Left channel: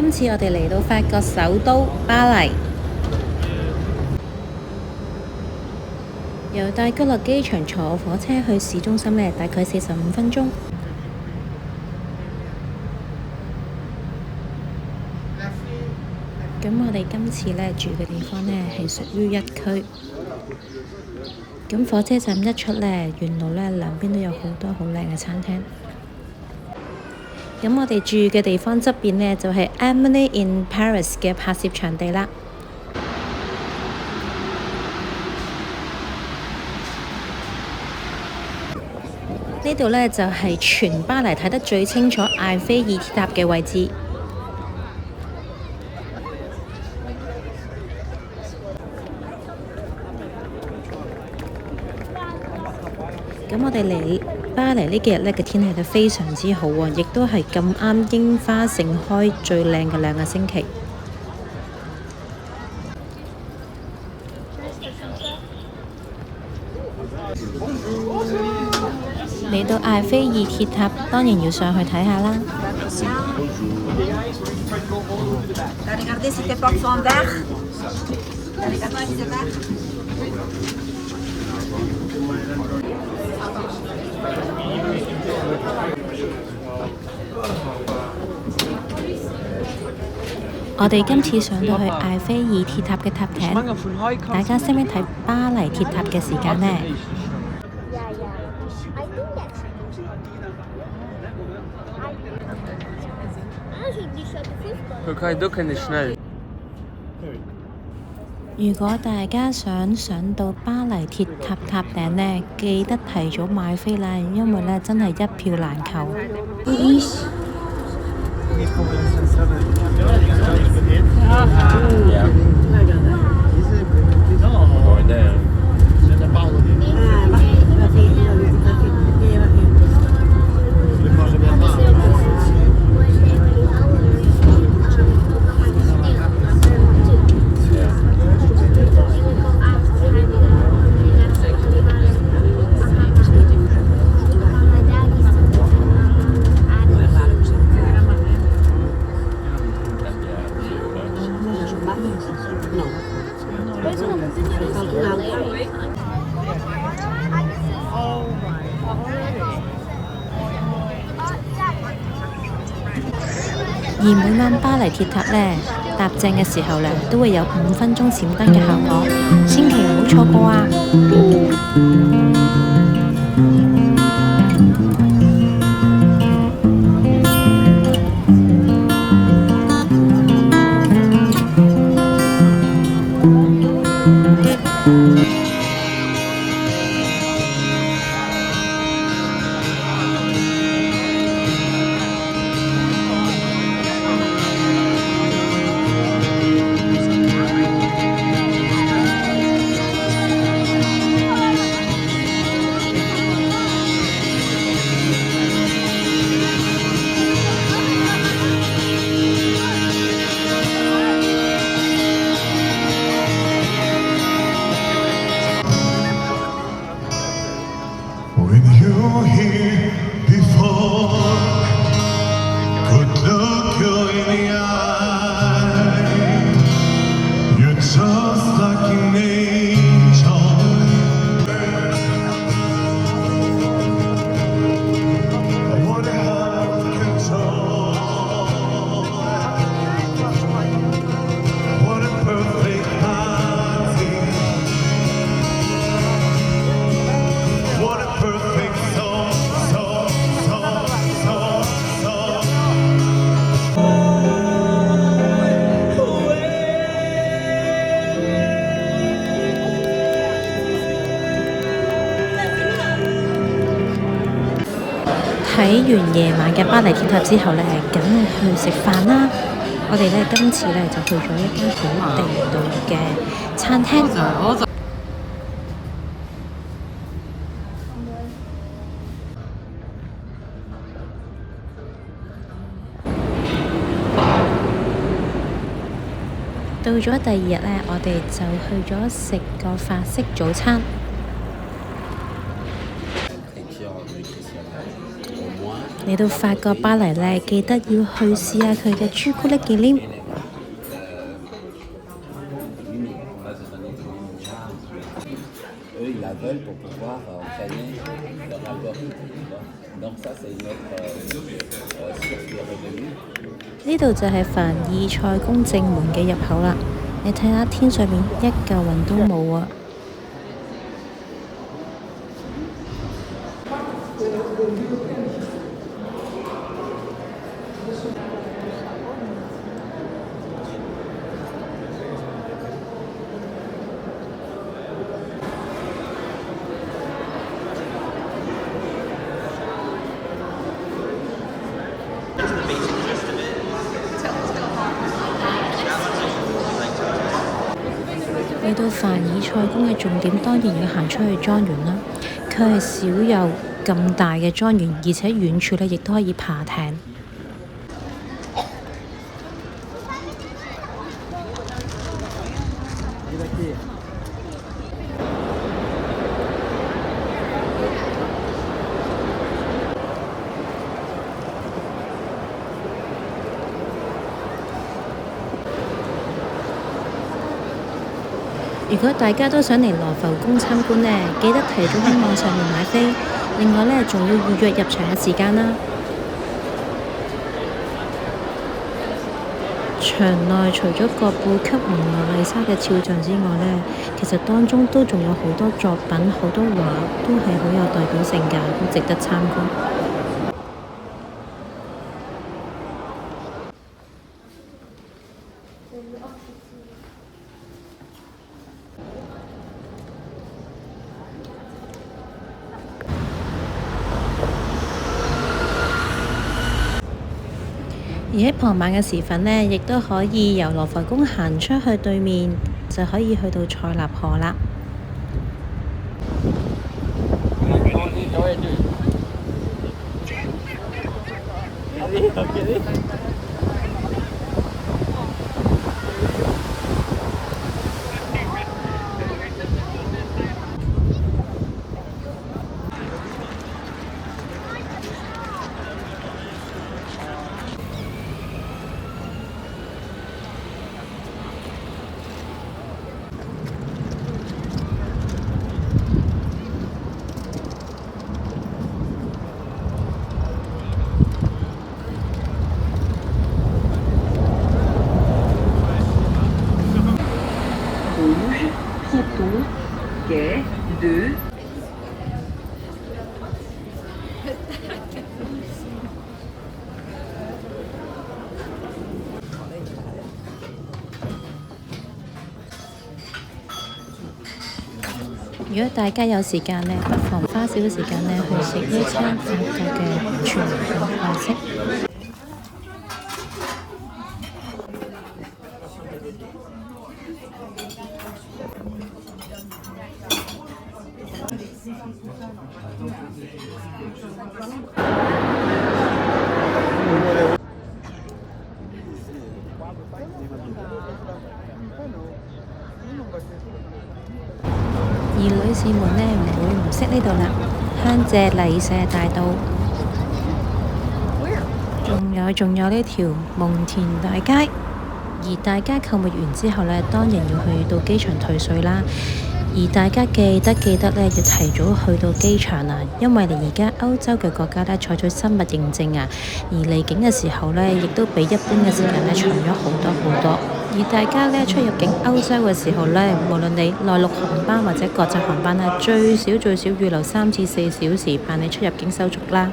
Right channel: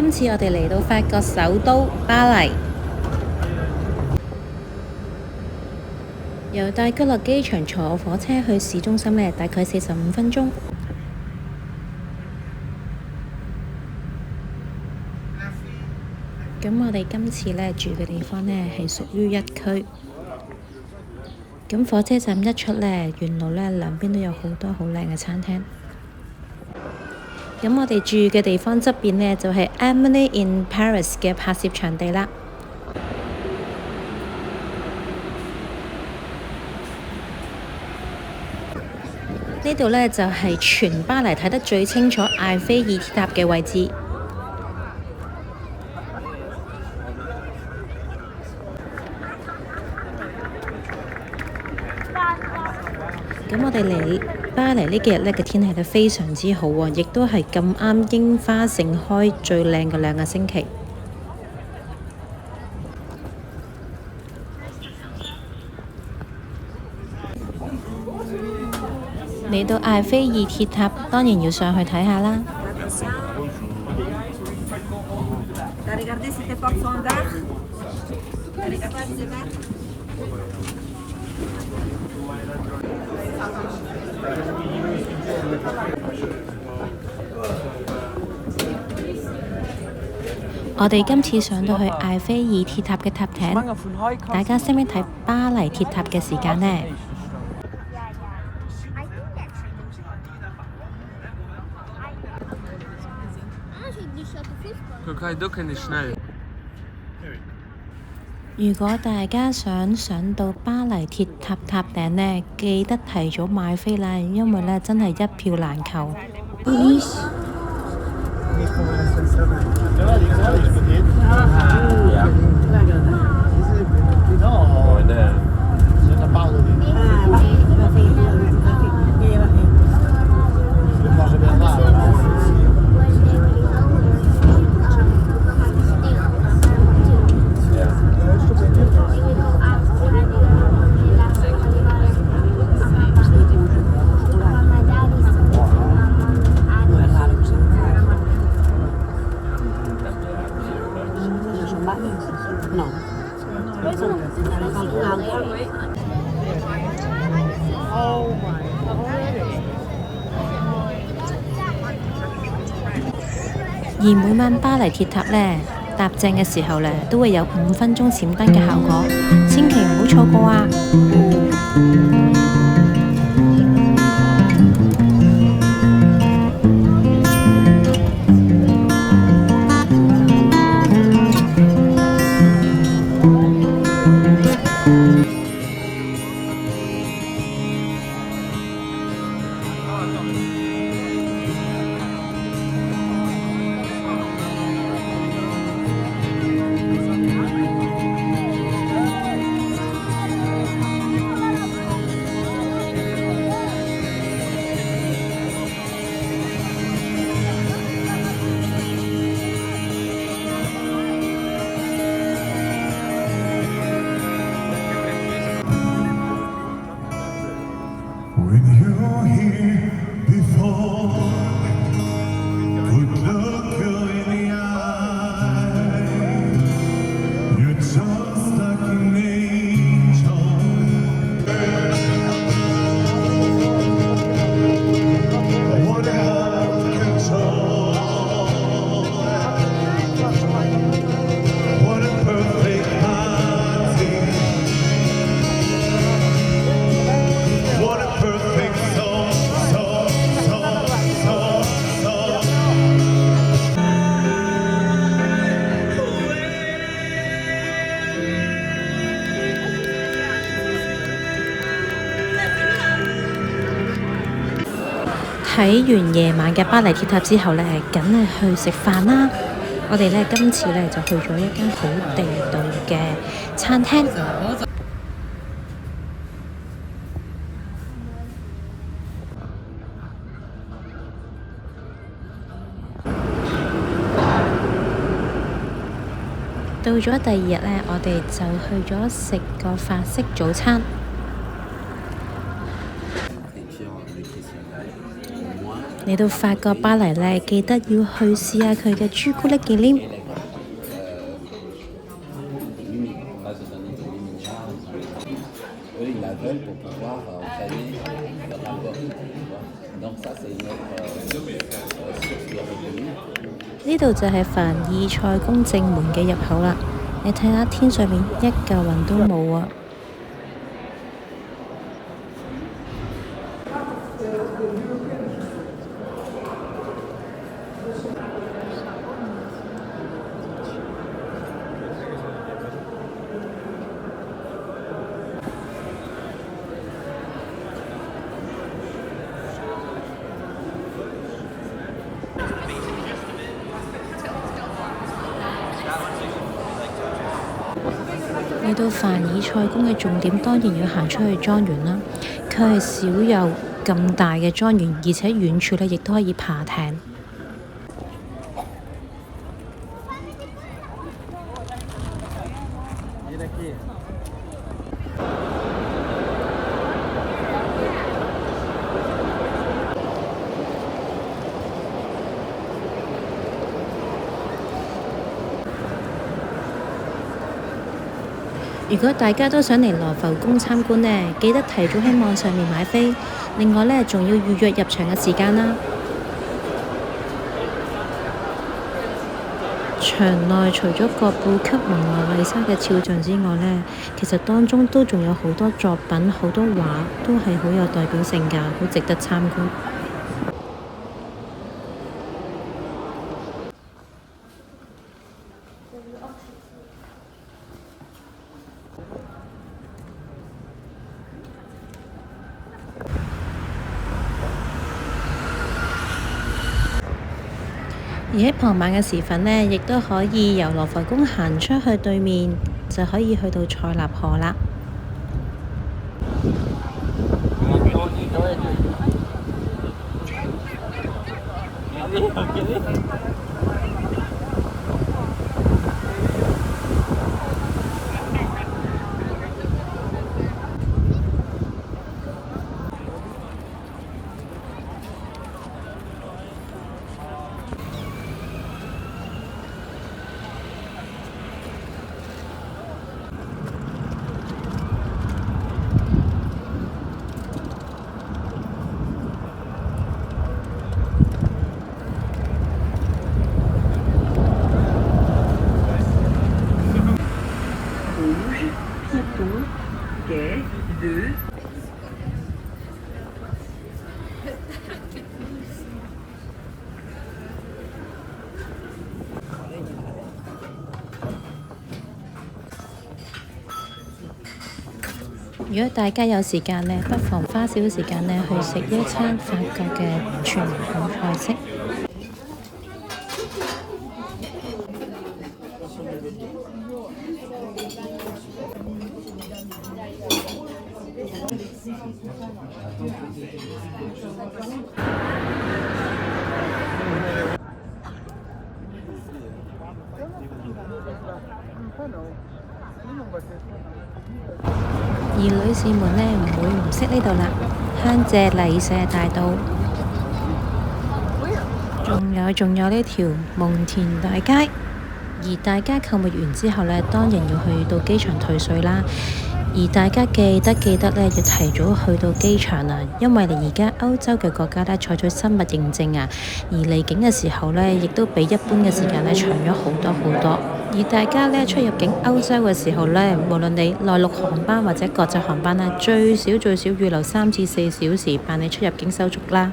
今次我哋嚟到法國首都巴黎，由戴高樂機場坐火車去市中心呢，大概45分鐘。咁我哋今次呢住嘅地方呢係屬於一區。咁火車站一出呢，沿路呢兩邊都有好多好靚嘅餐廳。咁我哋住嘅地方側邊呢，就係 Emily in Paris 嘅拍攝場地啦。呢度呢，就係全巴黎睇得最清楚艾菲爾鐵塔嘅位置。咁我哋嚟巴黎呢幾日呢嘅天氣呢非常之好喎，亦都係咁啱櫻花盛開最靚嘅2個星期。嚟到艾菲爾鐵塔，當然要上去睇下啦。我哋今次上到去艾菲爾鐵塔嘅塔頂，大家識唔識睇巴黎鐵塔嘅時間呢？如果大家想上到巴黎鐵塔塔頂呢，記得提早買飛啦，因為呢真係一票難求。而每晚巴黎鐵塔呢，搭正嘅時候呢，都會有5分鐘閃燈嘅效果，千祈唔好錯過啊！睇完夜晚嘅巴黎鐵塔之後呢，梗係去食飯啦。我哋呢今次呢就去咗一間好地道嘅餐廳。到咗第2日呢，我哋就去咗食個法式早餐。嚟到法國巴黎呢，記得要去試下佢嘅朱古力忌廉。呢度就係凡爾賽宮正門嘅入口啦。你睇下天上面一嚿雲都冇啊！嚟到凡爾賽宮嘅重點，當然要行出去莊園啦。佢係少有咁大嘅莊園，而且遠處呢亦都可以爬艇。如果大家都想嚟羅浮宮參觀呢，記得提早喺網上面買飛。另外呢，仲要預約入場嘅時間啦。場內除咗葛布級蒙娜麗莎嘅肖像之外呢，其實當中都仲有好多作品、好多畫，都係好有代表性㗎，好值得參觀。而喺傍晚嘅時分呢，亦都可以由羅浮宮行出去對面，就可以去到塞納河啦。如果大家有時間呢，不妨花少少時間呢去食一餐法國嘅傳統菜式。而女士們呢，唔會唔識呢度啦，香榭麗舍大道，仲有呢條蒙田大街。而大家購物完之後呢，當然要去到機場退稅啦。而大家記得呢，要提早去到機場啊，因為而家歐洲嘅國家呢採取生物認證啊，而離境嘅時候呢，亦都比一般嘅時間呢長咗好多。而大家呢出入境歐洲嘅時候呢，無論你內陸航班或者國際航班呢，最少預留3至4小時辦理出入境手續啦。